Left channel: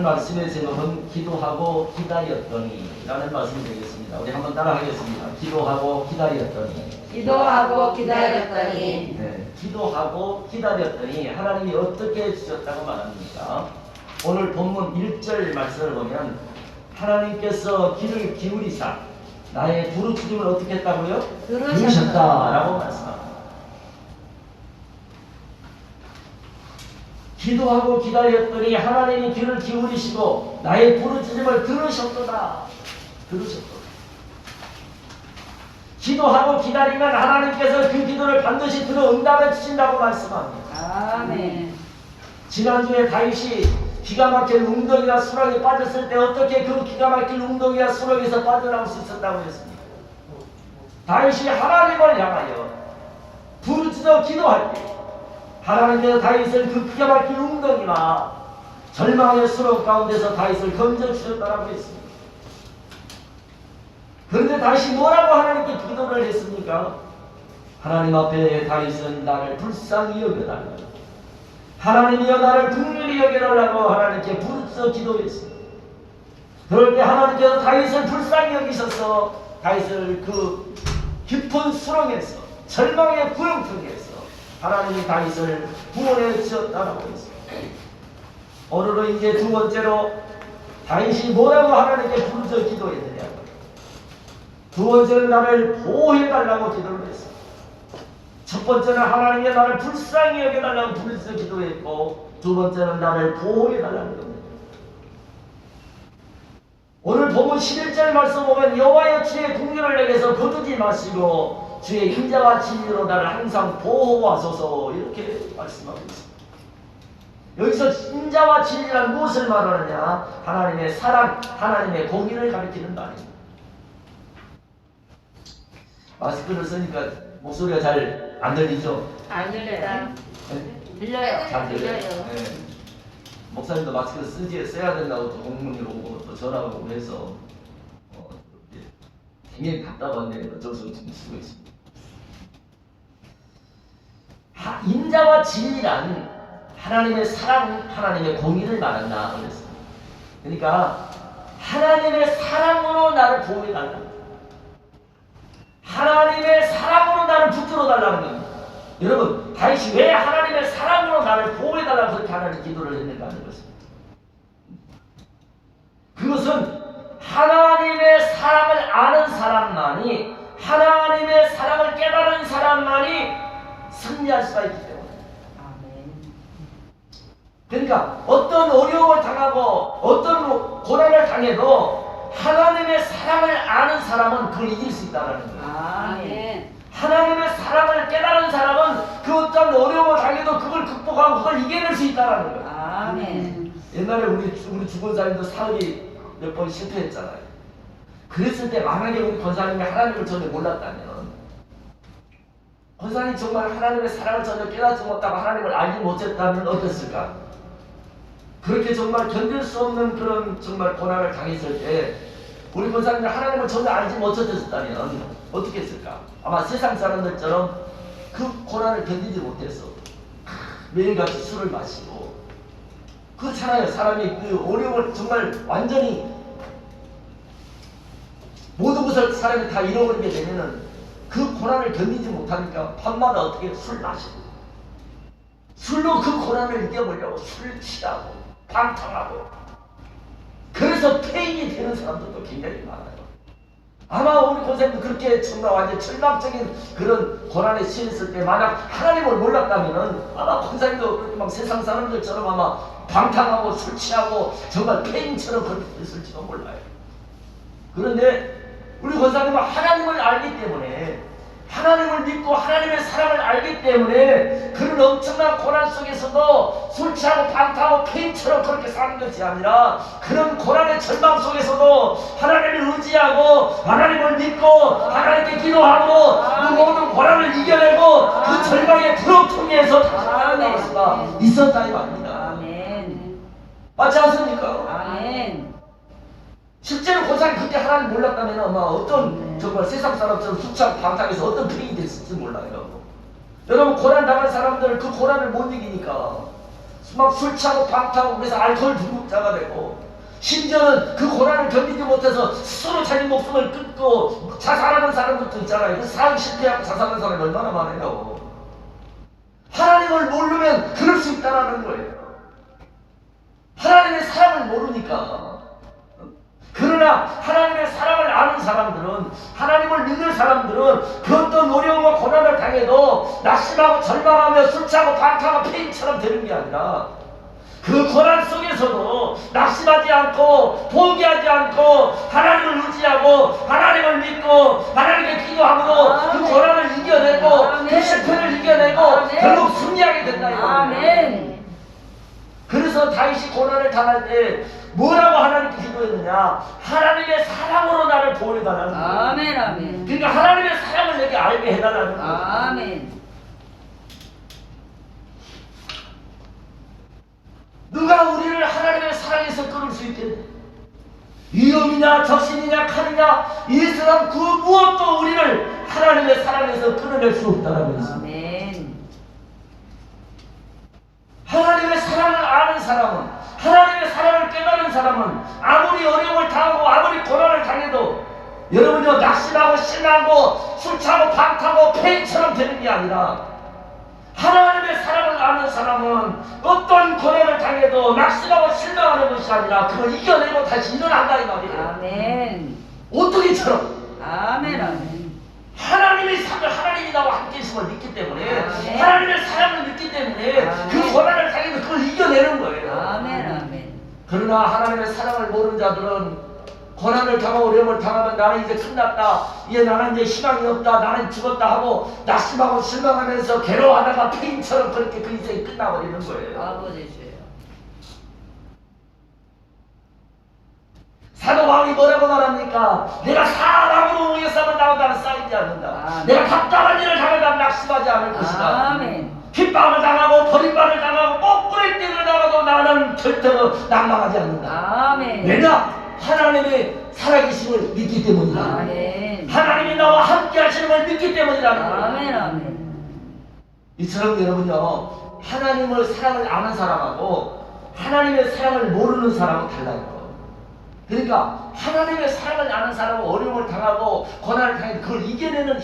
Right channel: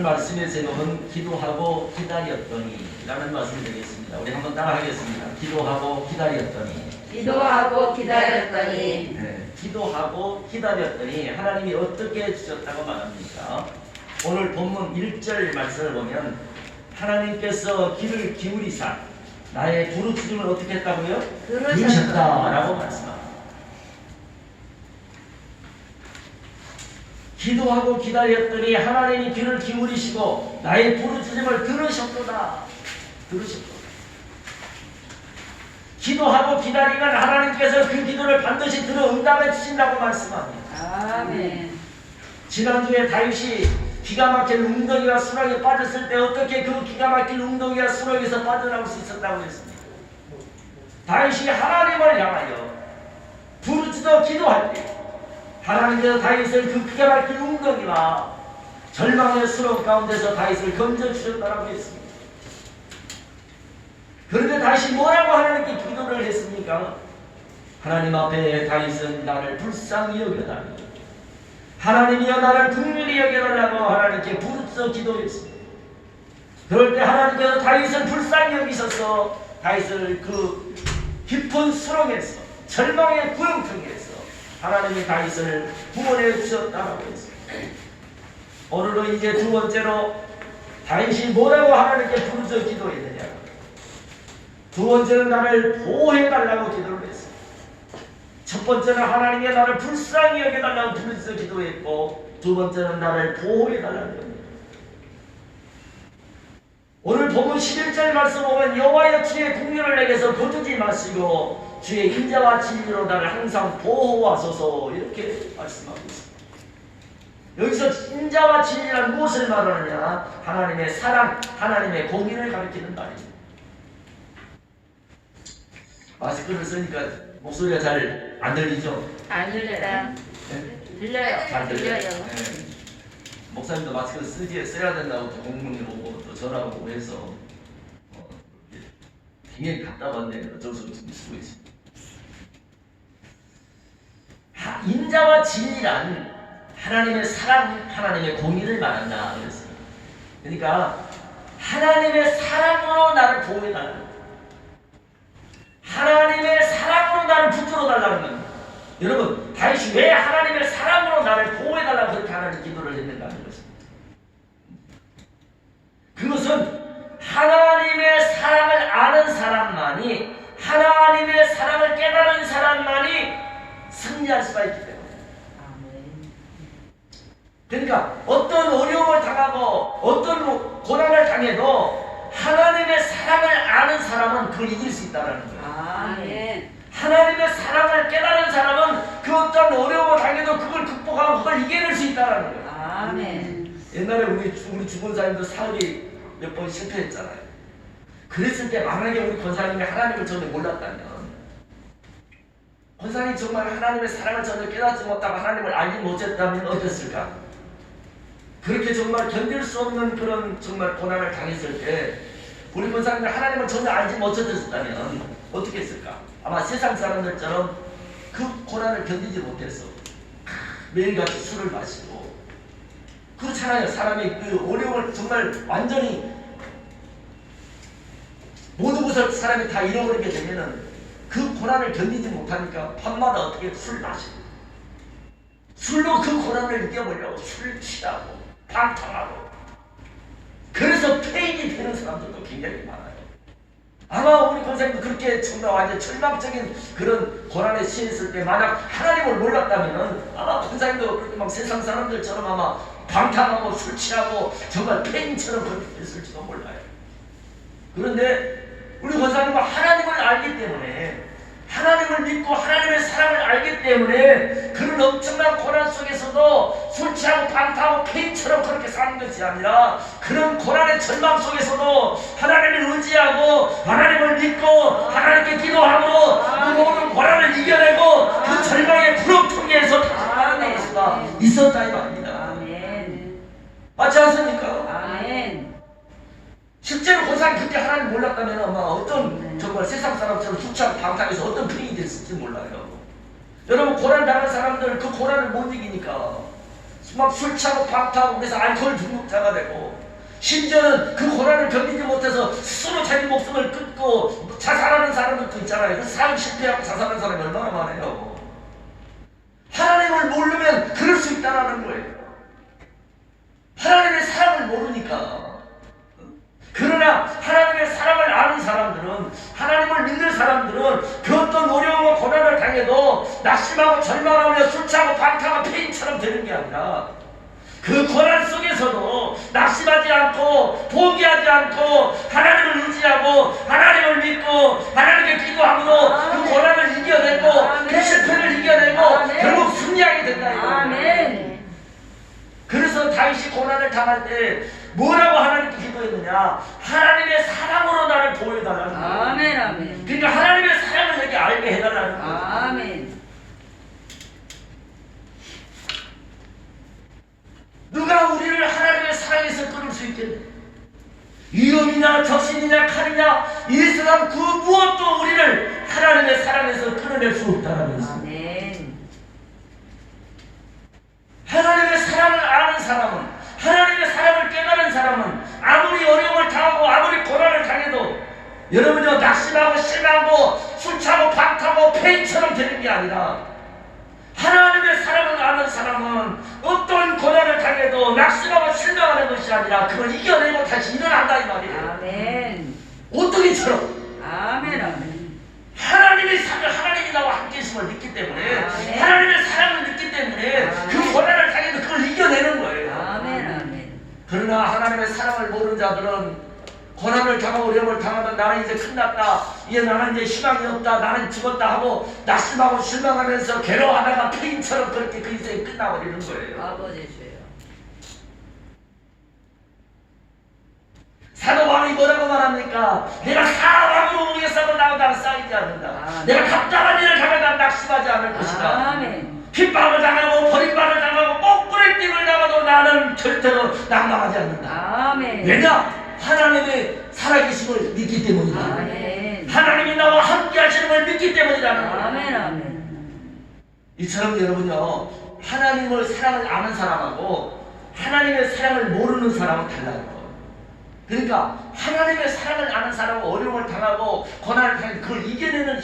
오늘 말씀의 제목은 기도하고 기다렸더니 라는 말씀이 되겠습니다. 우리 한번 따라 하겠습니다. 기도하고 기다렸더니. 기도하고 기다렸더니. 네, 기도하고 기다렸더니 하나님이 어떻게 해주셨다고 말합니까? 오늘 본문 1절 말씀을 보면 하나님께서 귀를 기울이사 나의 부르짖음을 어떻게 했다고요? 들으셨다라고 말씀합니다. 기도하고 기다렸더니 하나님이 귀를 기울이시고 나의 부르짖음을 들으셨도다. 들으셨도다. 기도하고 기다리면 하나님께서 그 기도를 반드시 들어 응답해 주신다고 말씀합니다. 아멘. 지난주에 다윗이 기가 막힌 웅덩이와 수렁에 빠졌을 때 어떻게 그 기가 막힌 웅덩이와 수렁에서 빠져나올 수 있었다고 했습니다. 다윗이 하나님을 향하여 부르짖어 기도할 때 하나님께서 다윗을 그 기가 막힌 웅덩이와 절망의 수렁 가운데서 다윗을 건져주셨다고 했습니다. 그런데 다윗이 뭐라고 하나님께 기도를 했습니까? 하나님 앞에 다윗은 나를 불쌍히 여겨달라고, 하나님이여 나를 긍휼히 여겨달라고 하나님께 부르짖어 기도했습니다. 그럴 때 하나님께서 다윗을 불쌍히 여기셔서 다윗을 그 깊은 수렁에서 절망의 구렁텅이에서 하나님이 다윗을 구원해 주셨다고 했습니다. 오늘은 이제 두 번째로 다윗이 뭐라고 하나님께 부르짖어 기도했느냐? 두 번째는 나를 보호해달라고 기도를 했습니다. 첫 번째는 하나님이 나를 불쌍히 여겨달라고 부르짖어 기도했고, 두 번째는 나를 보호해달라는 겁니다. 오늘 본문 11절 말씀 보면 여호와여 주의 긍휼을 내게서 거두지 마시고 주의 인자와 진리로 나를 항상 보호하소서, 이렇게 말씀하고 있습니다. 여기서 인자와 진리란 무엇을 말하느냐? 하나님의 사랑, 하나님의 공의를 가리키는 말입니다. 마스크를 쓰니까 목소리가 잘 안 들리죠? 안 들려요. 네? 들려요. 잘 들려요. 들려요. 네. 목사님도 마스크 써야 된다고 또 공문이 오고 또 전화가 오고 해서 굉장히 답답한데 어쩔 수 없이 쓰고 있습니다. 인자와 진리란 하나님의 사랑, 하나님의 공의를 말한다 그랬습니다. 그러니까 하나님의 사랑으로 나를 보호해달라는, 하나님의 사랑으로 나를 붙들어 달라는 겁니다. 여러분, 다윗이 왜 하나님의 사랑으로 나를 보호해달라고 그렇게 하나님 기도를 했는가 하는 것입니다. 그것은 하나님의 사랑을 아는 사람만이, 하나님의 사랑을 깨달은 사람만이 승리할 수가 있기 때문에. 그러니까 어떤 어려움을 당하고 어떤 고난을 당해도 하나님의 사랑을 아는 사람은 그걸 이길 수 있다는 거예요. 아멘. 하나님의 사랑을 깨달은 사람은 그 어떤 어려움을 당해도 그걸 극복하고 그걸 이겨낼 수 있다는 거예요. 아멘. 옛날에 우리 주권사님도 사업이 몇 번 실패했잖아요. 그랬을 때 만약에 우리 권사님이 하나님을 전혀 몰랐다면, 권사님이 정말 하나님의 사랑을 전혀 깨닫지 못하고 하나님을 알지 못했다면 어땠을까? 그렇게 정말 견딜 수 없는 그런 정말 고난을 당했을 때 우리 권사님이 하나님을 전혀 알지 못했다면 어떻게 했을까? 아마 세상 사람들처럼 그 고난을 견디지 못해서 매일같이 술을 마시고, 그렇잖아요. 사람이 그 어려움을 정말 완전히 모든 것을 사람이 다 잃어버리게 되면은 그 고난을 견디지 못하니까 밤마다 어떻게 술 마시고, 술로 그 고난을 이겨보려고 술 취하고 방탕하고, 그래서 폐인이 되는 사람들도 굉장히 많아요. 아마 우리 권사님도 그렇게 정말 완전 절망적인 그런 고난에 처했을 때 만약 하나님을 몰랐다면은 아마 권사님도 그렇게 막 세상 사람들처럼 아마 방탕하고 술 취하고 정말 폐인처럼 그렇게 됐을지도 몰라요. 그런데 우리 권사님은 하나님을 알기 때문에, 하나님을 믿고 하나님의 사랑을 알기 때문에 그런 엄청난 고난 속에서도 술 취하고 방탕하고 폐인처럼 그렇게 사는 것이 아니라, 그런 고난의 절망 속에서도 하나님을 의지하고 하나님을 믿고 하나님께 기도하고 그 모든 고난을 이겨내고 그 절망의 구렁텅이에서 살아날 수가 있었다 이 말입니다. 아멘. 맞지 않습니까? 아멘. 실제로 권사님 그때 하나님 몰랐다면 아마 어떤 정말 세상 사람처럼 술 취하고 방탕해서 어떤 폐인이 됐을지 몰라요. 여러분, 고난 당한 사람들 그 고난을 못 이기니까 막 술 차고 밥 타고 그래서 알코올 중독자가 되고 심지어는 그 고난을 견디지 못해서 스스로 자기 목숨을 끊고 자살하는 사람들도 있잖아요. 그 사업 실패하고 자살하는 사람이 얼마나 많으냐고. 하나님을 모르면 그럴 수 있다는 거예요. 하나님의 사랑을 모르니까. 그러나 하나님의 사랑을 아는 사람들은, 하나님을 믿는 사람들은 그 어떤 어려움과 고난을 당해도 낙심하고 절망하며 술취하고 방탕한 폐인처럼 되는 게 아니라 그 고난 속에서도 낙심하지 않고 포기하지 않고 하나님을 의지하고 하나님을 믿고 하나님께 기도함으로 그 고난을 이겨내고 그 실패를 이겨내고 결국 승리하게 된다 이거예요. 아멘. 그래서 다윗이 고난을 당할 때 뭐라고 하나님께 기도했느냐? 하나님의 사랑으로 나를 보여달라는 거예요. 아멘. 아멘. 그러니까 하나님의 사랑을 내게 알게 해달라는 거예요. 아멘. 누가 우리를 하나님의 사랑에서 끊을 수 있겠네? 위험이냐 적신이냐 칼이냐 이 세상 그 무엇도 우리를 하나님의 사랑에서 끊어낼 수 없다라고 했습니다. 아멘. 하나님의 사랑을 아는 사람은, 하나님의 사랑을 깨달은 사람은 아무리 어려움을 당하고 아무리 고난을 당해도 여러분요 낙심하고 실망하고 술취하고 방탕하고 폐인처럼 되는 게 아니라 하나님의 사랑을 아는 사람은 어떤 고난을 당해도 낙심하고 실망하는 것이 아니라 그걸 이겨내고 다시 일어난다 이 말이에요. 아멘. 오뚜기처럼 아멘. 아멘. 하나님이 나와 함께 있음을 믿기 때문에 아멘. 하나님의 사랑을 믿기 때문에 그 아멘. 고난을 당해도 그걸 이겨내는 거예요. 아멘. 아멘. 그러나 하나님의 사랑을 모르는 자들은 고난을 당하고 어려움을 당하면 나는 이제 끝났다, 이제 나는 이제 희망이 없다, 나는 죽었다 하고 낙심하고 실망하면서 괴로워하다가 폐인처럼 그렇게 그 인생이 끝나버리는 거예요. 아버지 주여. 사도 바울이 뭐라고 말합니까? 내가 사방으로 오게 싸면 나는 쌓이지 않는다. 아멘. 내가 답답한 일을 당하면 난 낙심하지 않을 것이다. 아멘. 핍박을 당하고 버림받을 당하고 거꾸로 뛰을 당하도 나는 절대로 낙망하지 않는다. 아멘. 왜냐? 하나님의 살아계심을 믿기 때문이다. 아멘. 하나님이 나와 함께 하시는 걸 믿기 때문이라는 거예요. 아멘. 아멘. 이처럼 여러분요, 하나님을 사랑을 아는 사람하고 하나님의 사랑을 모르는 사람은 달라요. 그러니까 하나님의 사랑을 아는 사람은 어려움을 당하고 고난을 당해도 그걸 이겨낼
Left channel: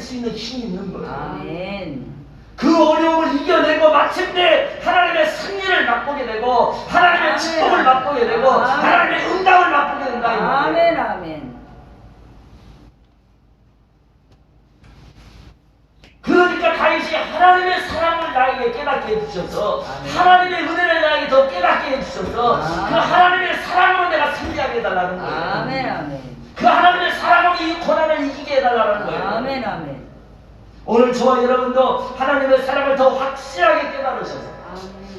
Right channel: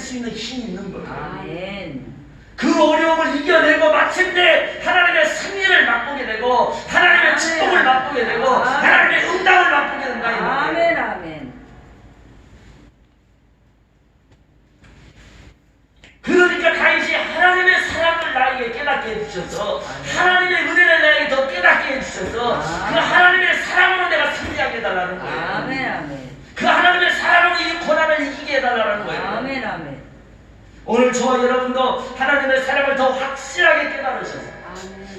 수 있는 힘이 있는 거예요. 아멘. 그 어려움을 이겨내고 마침내 하나님의 승리를 맛보게 되고 하나님의 축복을 맛보게 되고 하나님의 응답을 맛보게 된다 이 말이에요. 아멘. 아멘. 그러니까 다윗이 하나님의 사랑을 나에게 깨닫게 해주셔서 하나님의 은혜를 나에게 더 깨닫게 해주셔서 그 하나님의 사랑으로 내가 승리하게 해달라는 거예요. 아멘. 아멘. 그 하나님의 사랑으로 이 고난을 이기게 해달라는 거예요. 아멘. 아멘. 오늘 저와 여러분도 하나님의 사랑을 더 확실하게 깨달으셔서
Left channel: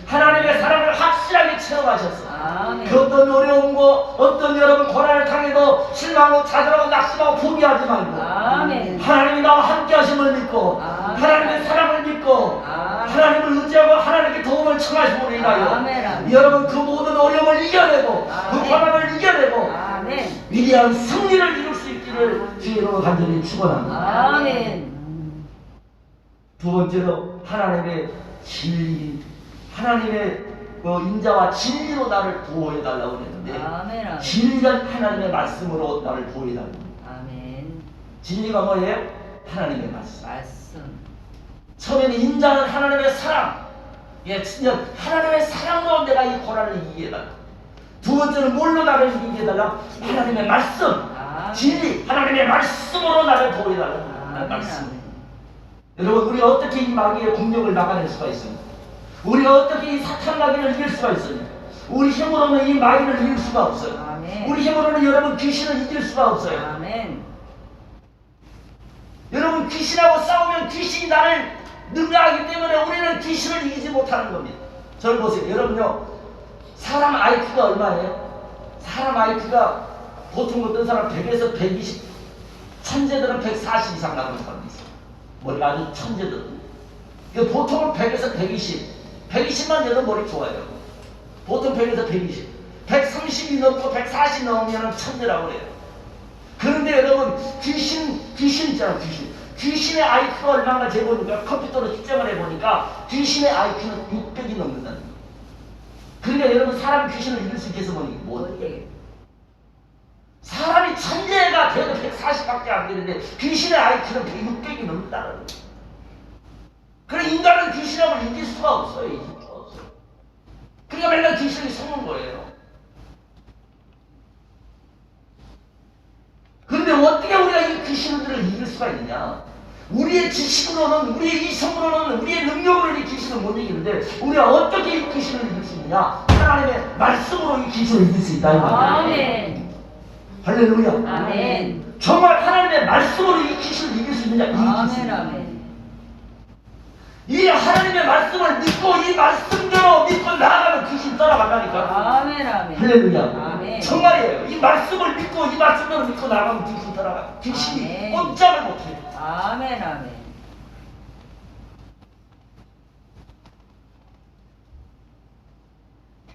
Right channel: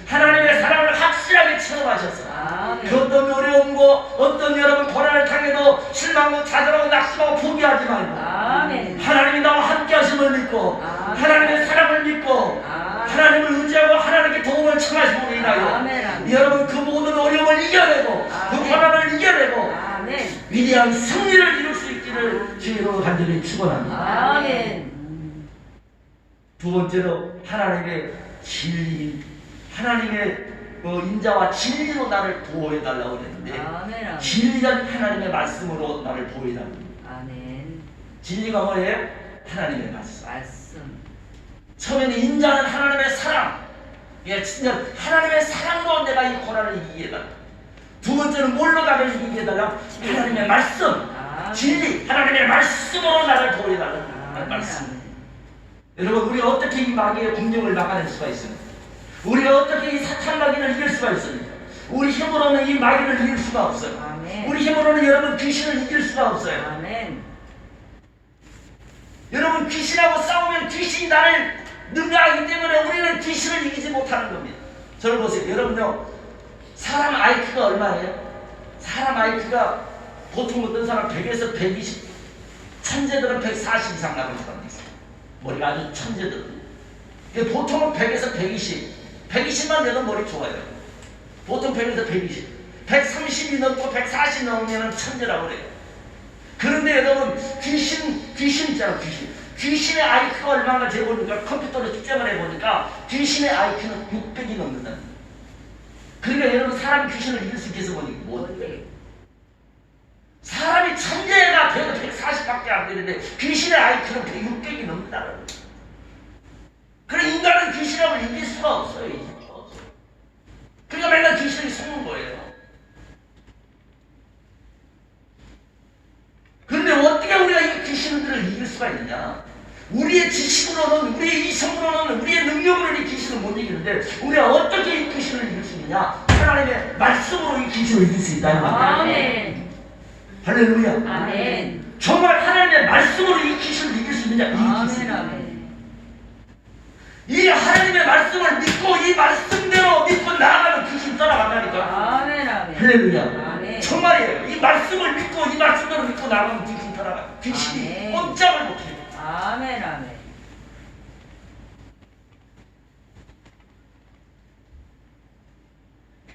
하나님의 사랑을 확실하게 체험하셔서 아멘. 그 어떤 어려움과 어떤 여러분 고난을 당해도 실망하고 좌절하고 낙심하고 포기하지 말고 아멘. 하나님이 나와 함께 하심을 믿고 아멘. 하나님의 사랑을 믿고 아멘. 하나님을 의지하고 하나님께 도움을 청하심으로 인하여 아멘. 여러분 그 모든 어려움을 이겨내고 그 아멘. 고난을 이겨내고 아멘. 위대한 승리를 이룰 수 있기를 주님으로 간절히 축원합니다. 아멘. 두 번째로 하나님의 진리, 하나님의 그 인자와 진리로 나를 보호해달라고 했는데 아멘. 진리는 하나님의 말씀으로 나를 보호해달라고. 아멘. 진리가 뭐예요? 하나님의 말씀. 말씀. 처음에는 인자는 하나님의 사랑. 예, 진짜 하나님의 사랑으로 내가 이 고난을 이기게 해달라. 두 번째는 뭘로 나를 이기게 해달라? 하나님의 말씀. 아멘. 진리, 하나님의 말씀으로 나를 보호해달라는 아멘. 말씀. 여러분, 우리가 어떻게 이 마귀의 공격을 막아낼 수가 있습니까? 우리가 어떻게 이 사탄 마귀를 이길 수가 있습니까? 우리 힘으로는 이 마귀를 이길 수가 없어요. 아멘. 우리 힘으로는 여러분 귀신을 이길 수가 없어요. 아멘. 여러분 귀신하고 싸우면 귀신이 나를 능가하기 때문에 우리는 귀신을 이기지 못하는 겁니다. 저를 보세요. 여러분요, 사람 IQ가 얼마예요? 사람 IQ가 보통 어떤 사람 100에서 120, 천재들은 140 이상 나가는 사람이 있어요. 머리가 아주 천재들. 보통은 100에서 120, 120만 돼도 머리 좋아요. 보통 100에서 120, 130이 넘고 140 넘으면 천재라고 그래요. 그런데 여러분 귀신 있잖아. 귀신의 IQ가 얼마나 재보니까 컴퓨터로 측정을 해보니까 귀신의 IQ는 600이 넘는다는 거예요. 그러니까 여러분 사람 귀신을 이길 수 있겠어 보니 못해. 사람이 천재가 돼도 140밖에 안 되는데 귀신의 IQ는 160이 넘는다는 거예요. 그럼 인간은 귀신을 이길 수가 없어요. 이길 수가 없어요. 그러니까 맨날 귀신이 속는 거예요. 그런데 어떻게 우리가 이 귀신들을 이길 수가 있느냐? 우리의 지식으로는, 우리의 이성으로는, 우리의 능력으로는 이 귀신을 못 이기는데 우리가 어떻게 이 귀신을 이길 수 있느냐? 하나님의 말씀으로 이 귀신을 이길 수 있다는 말이에요. 아멘. 할렐루야. 아멘. 정말 하나님의 말씀으로 이 귀신을 이길 수 있느냐? 이길 수 아멘. 있느냐? 아멘. 이 하나님의 말씀을 믿고 이 말씀대로 믿고 나아가면 귀신 떠나간다니까. 아멘. 아멘. 할렐루야. 아멘. 정말이에요. 이 말씀을 믿고 이 말씀대로 믿고 나가면 귀신 떠나가. 귀신이 아멘. 꼼짝을 못해요. 아멘. 아멘.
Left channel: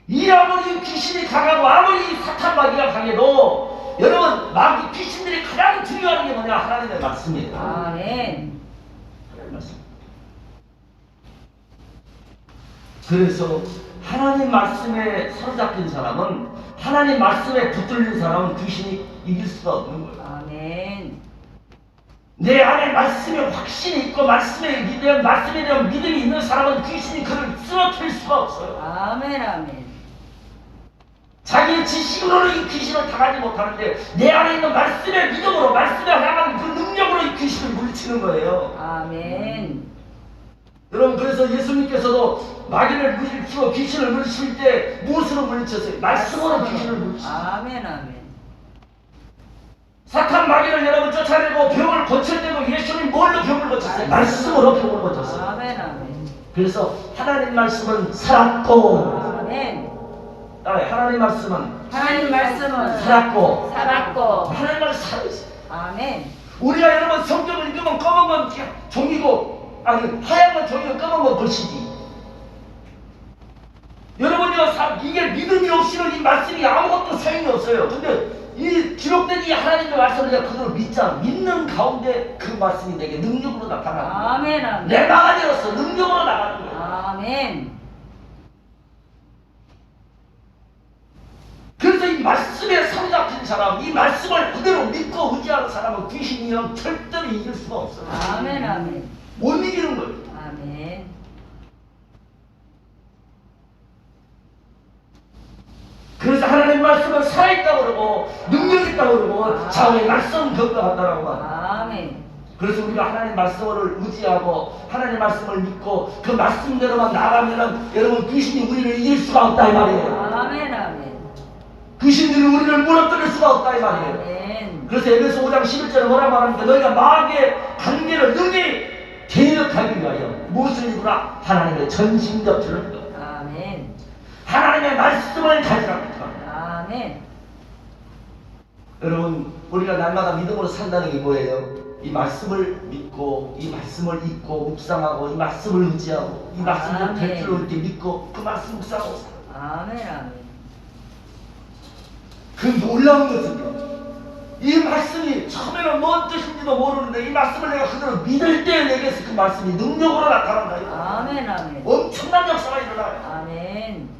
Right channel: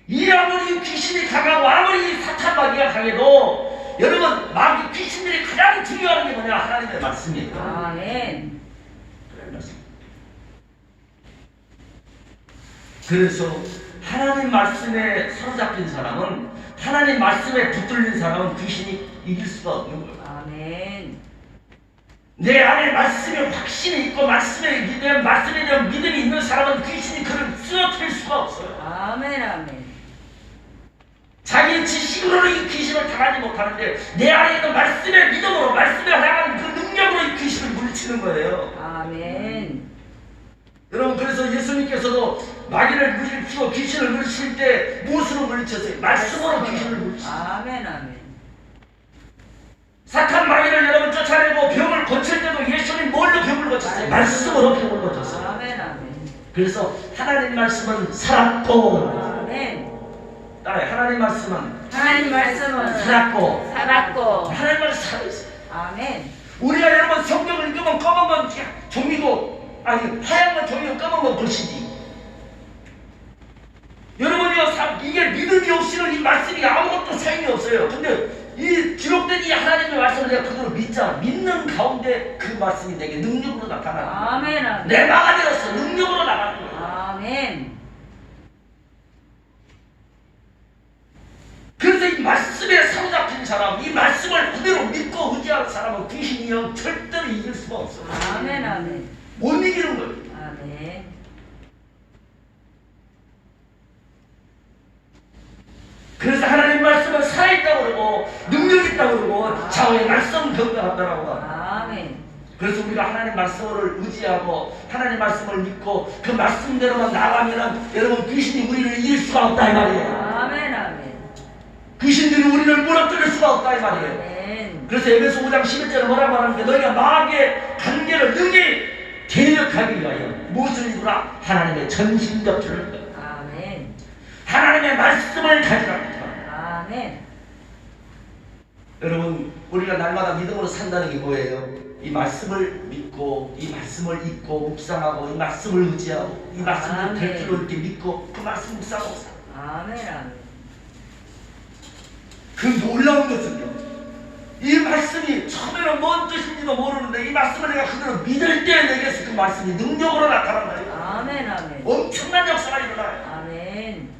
이 아무리 귀신이 강하고 아무리 사탄 마귀가 강해도 여러분 마귀 귀신들이 가장 중요한 게 뭐냐? 하나님의 말씀이에요. 아멘. 하나님의 말씀. 그래서 하나님 말씀에 사로잡힌 사람은, 하나님 말씀에 붙들린 사람은 귀신이 이길 수가 없는 거예요. 아멘. 내 안에 말씀이 확신이 있고 말씀에 대한 믿음이 있는 사람은 귀신이 그를 쓰러뜨릴 수가 없어요. 아멘. 아멘. 자기 지식으로는 이 귀신을 당하지 못하는데 내 안에 있는 말씀의 믿음으로, 말씀에 나가는 그 능력으로 이 귀신을 물리치는 거예요. 아멘. 여러분, 그래서 예수님께서도 마귀를 물리치고 귀신을 물리칠 때 무엇으로 물리쳤어요? 말씀으로 귀신을 물리쳤어요. 아멘. 아멘. 사탄 마귀를 여러분 쫓아내고 병을 고칠 때도 예수님 뭘로 병을 고쳤어요? 말씀으로 병을 고쳤어요. 아멘. 아멘. 그래서 하나님 말씀은 살았고, 아멘. 따라해. 하나님 말씀은 하나님 말씀은 살았고, 살았고. 하나님 말씀 살아있어요. 아멘. 우리가 여러분 성경을 읽으면 검은 건 종이고, 아니 하얀 건 종이고 검은 건 글씨지. 여러분이요, 이게 믿음이 없이는 이 말씀이 아무것도 소용이 없어요. 근데 이 기록된 이 하나님의 말씀을 내가 그대로 믿잖아. 믿는 가운데 그 말씀이 내게 능력으로 나타나는 거야. 아멘. 아멘. 내 마가 되었어. 능력으로 나가는 거야. 아멘. 그래서 이 말씀에 사로잡힌 사람, 이 말씀을 그대로 믿고 의지하는 사람은 귀신이요 절대로 이길 수가 없어요. 아멘. 아멘. 못 이기는 거예요. 아멘. 그래서 하나님 말씀은 살아있다고 그러고 능력 있다고 그러고 좌우의 말씀 건강하다라고 합니다. 아멘. 그래서 우리가 하나님 말씀을 의지하고 하나님 말씀을 믿고 그 말씀대로만 나가면은 여러분 귀신이 우리를 이길 수가 없다 이 말이에요. 아멘. 아멘. 귀신들이 우리를 무너뜨릴 수가 없다 이 말이에요. 아멘. 그래서 에베소 5장 11절에 뭐라고 하는데, 너희가 마귀의 관계를 능히 대역하기 위하여 무엇을 입으라? 하나님의 전신갑주를 입으라. 아멘. 하나님의 말씀을 가지라. 아멘. 여러분, 우리가 날마다 믿음으로 산다는 게 뭐예요? 이 말씀을 믿고, 이 말씀을 읽고 묵상하고, 이 말씀을 의지하고, 이 말씀을 될 줄 올 때 믿고 그 말씀 묵상하고 살아. 아멘. 아멘. 그 놀라운 것은요, 이 말씀이 처음에는 뭔 뜻인지도 모르는데 이 말씀을 내가 그대로 믿을 때 내게서 그 말씀이 능력으로 나타난다. 아멘. 아멘. 엄청난 역사가 일어나요. 아멘.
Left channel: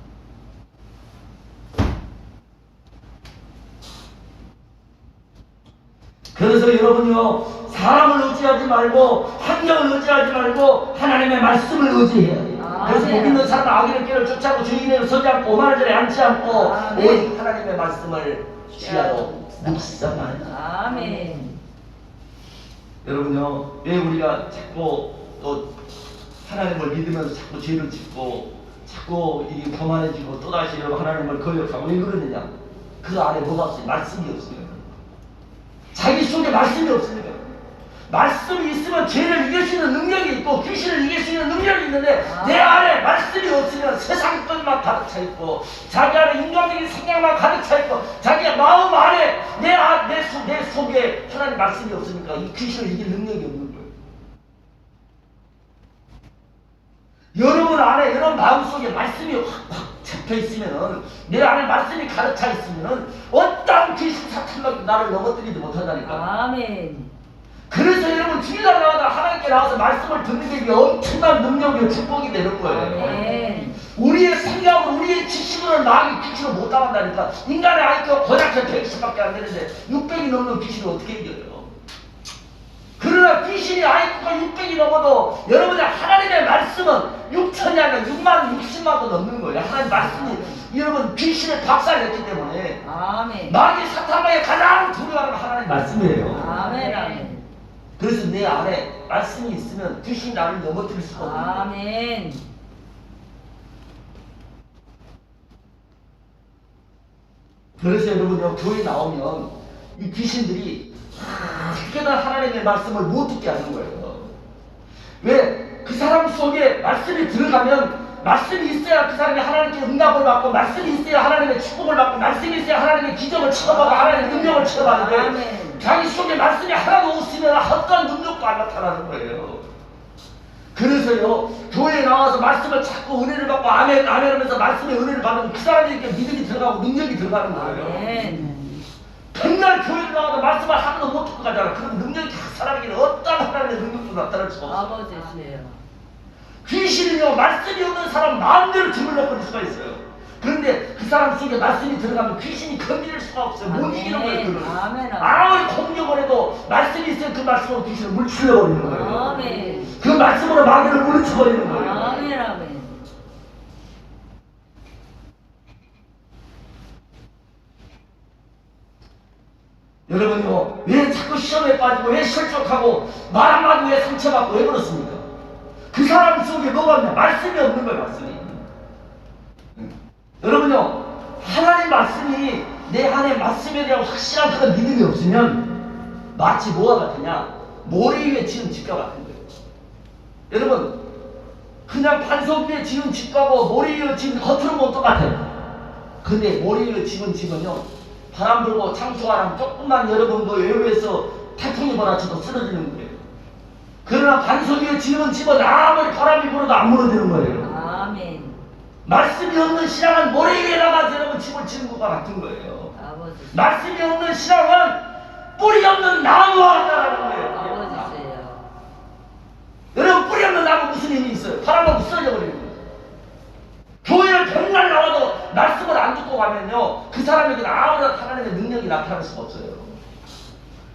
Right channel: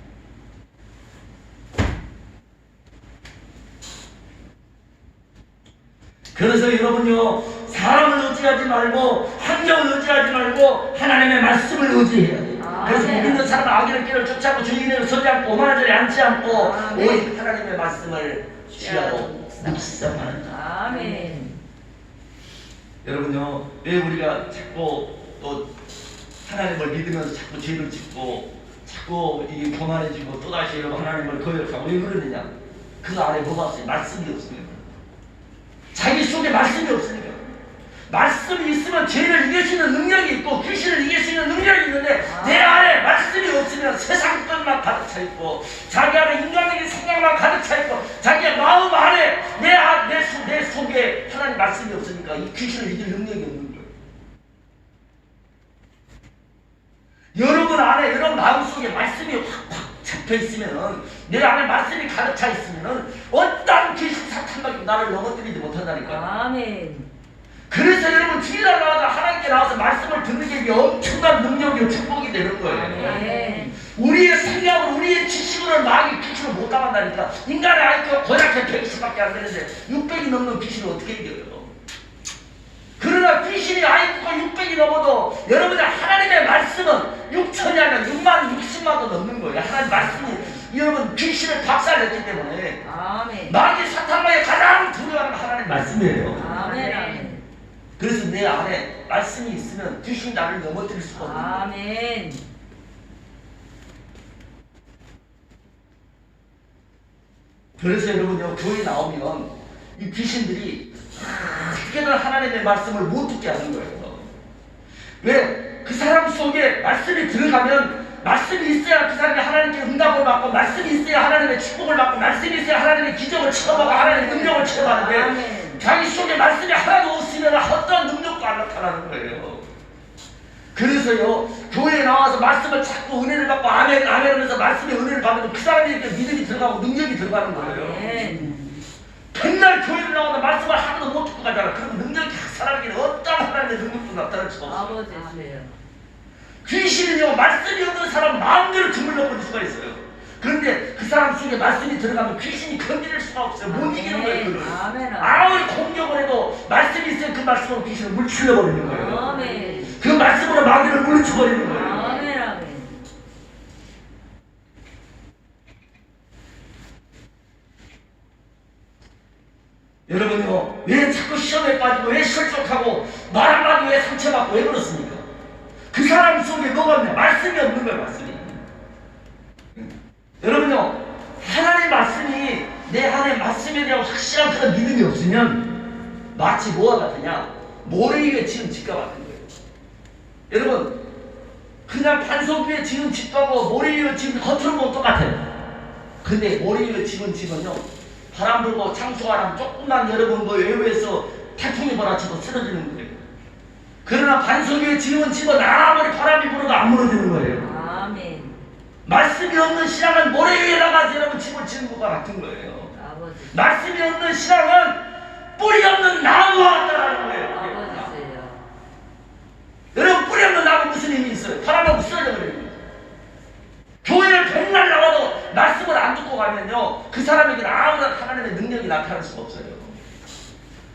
그래서 여러분요, 사람을 의지하지 말고 환경을 의지하지 말고 하나님의 말씀을 의지해야 돼요. 그래서 못 믿는 사람은 악인의 길을 쫓아고 주인을 서지 않고 오만한 자리에 앉지 않고 오직 하나님의 말씀을 취하고 묵상하는 자. 아멘. 여러분요, 왜 우리가 자꾸 또 하나님을 믿으면서 자꾸 죄를 짓고 자꾸 이게 교만해지고 또다시 여러분 하나님을 거역하고 왜 그러느냐? 그 안에 뭐가 없어요? 말씀이 없으니까. 자기 속에 말씀이 없으니까. 말씀이 있으면 죄를 이길 수 있는 능력이 있고 귀신을 이길 수 있는 능력이 있는데 내 안에 말씀이 없으면 세상 것만 가득 차 있고 자기 안에 인간적인 생각만 가득 차 있고 자기의 마음 안에 내 속에 하나님 말씀이 없으니까 이 귀신을 이길 능력이 없는 거예요. 여러분 안에, 여러분 마음 속에 말씀이 확 잡혀 있으면은, 내 안에 말씀이 가득 차 있으면은 어떤 귀신 사탄도 나를 넘어뜨리지 못한다니까. 아멘. 그래서 여러분 주일날 나가다 하나님께 나와서 말씀을 듣는 게 엄청난 능력이고 축복이 되는 거예요. 아멘. 우리의 생각으로, 우리의 지식으로 IQ를 못 따간다니까. 인간의 IQ가 고약해 120밖에 안 되는데 600이 넘는 귀신을 어떻게 이겨요? 그러나 귀신이 IQ가 600이 넘어도 여러분들 하나님의 말씀은 6천이 아니라 6만 60만도 넘는 거예요. 하나님 말씀이 여러분 귀신을 박살냈기 때문에 아멘. 마귀 사탄마의 가장 두려워하는 하나님 말씀이에요. 아멘. 아멘. 그래서 내 안에 말씀이 있으면 귀신 나를 넘어뜨릴 수가 없는 거예요. 아멘. 그래서 여러분요 교회 나오면 이 귀신들이 어떻게든 하나님의 말씀을 못 듣게 하는 거예요. 왜? 그 사람 속에 말씀이 들어가면 말씀이 있어야 그 사람이 하나님께 응답을 받고 말씀이 있어야 하나님의 축복을 받고 말씀이 있어야 하나님의 기적을 체험하고 하나님의 능력을 체험하는데 아멘. 자기 속에 말씀이 하나도 없으면 어떤 능력도 안 나타나는 거예요. 그래서요 교회에 나와서 말씀을 찾고 은혜를 받고 아멘 아멘 하면서 말씀의 은혜를 받으면 그 사람에게 믿음이 들어가고 능력이 들어가는 거예요. 아멘. 맨날 교회를 나와도 말씀을 하나도 못 듣고 가잖아. 그럼 능력이 각 사람에게는 어떤 하나님의 능력도 나타날 수가 없어요. 아버지세요. 귀신은요 말씀이 없는 사람 마음대로 주물러 버릴 수가 있어요. 그런데 그 사람 속에 말씀이 들어가면 귀신이 건드릴 수가 없어요. 못 이기는 거예요. 그걸. 아멘. 아무리 공격을 해도 말씀이 있으면 그 말씀으로 귀신을 물추려 버리는 거예요. 아멘. 그 말씀으로 마귀를 물리쳐 버리는 거예요. 아멘. 아멘. 여러분요 왜 자꾸 시험에 빠지고 왜 실족하고 말 한마디 왜 상처받고 왜 그렇습니까? 그 사람 속에 뭐가 없냐? 말씀이 없는 거예요. 말씀이. 여러분요 하나님 말씀이 내 안에 말씀에 대한 확실한 그런 믿음이 없으면 마치 뭐와 같으냐? 모래 위에 지은 집과 같은 거예요. 여러분 그냥 반석 위에 지은 집하고 모래 위에 지은 겉으로 보면 똑같아요. 근데 모래 위에 지은 집은요 바람 불고 창수가 나면 조금만 여러분 그 외부에서 태풍이 몰아쳐도 쓰러지는 거예요. 그러나 반석 위에 지은 집은 아무리 바람이 불어도 안 무너지는 거예요. 아멘. 말씀이 없는 신앙은 모래 위에다가 여러분 집을 지는 것과 같은 거예요. 아버지. 말씀이 없는 신앙은 뿌리 없는 나무와 같다라는 거예요. 아버지세요. 여러분 뿌리 없는 나무 무슨 힘이 있어요? 바람만 쓰러져 버리는 거예요. 교회를 백날 나와도 말씀을 안 듣고 가면요 그 사람에게는 아무런 하나님의 능력이 나타날 수가 없어요.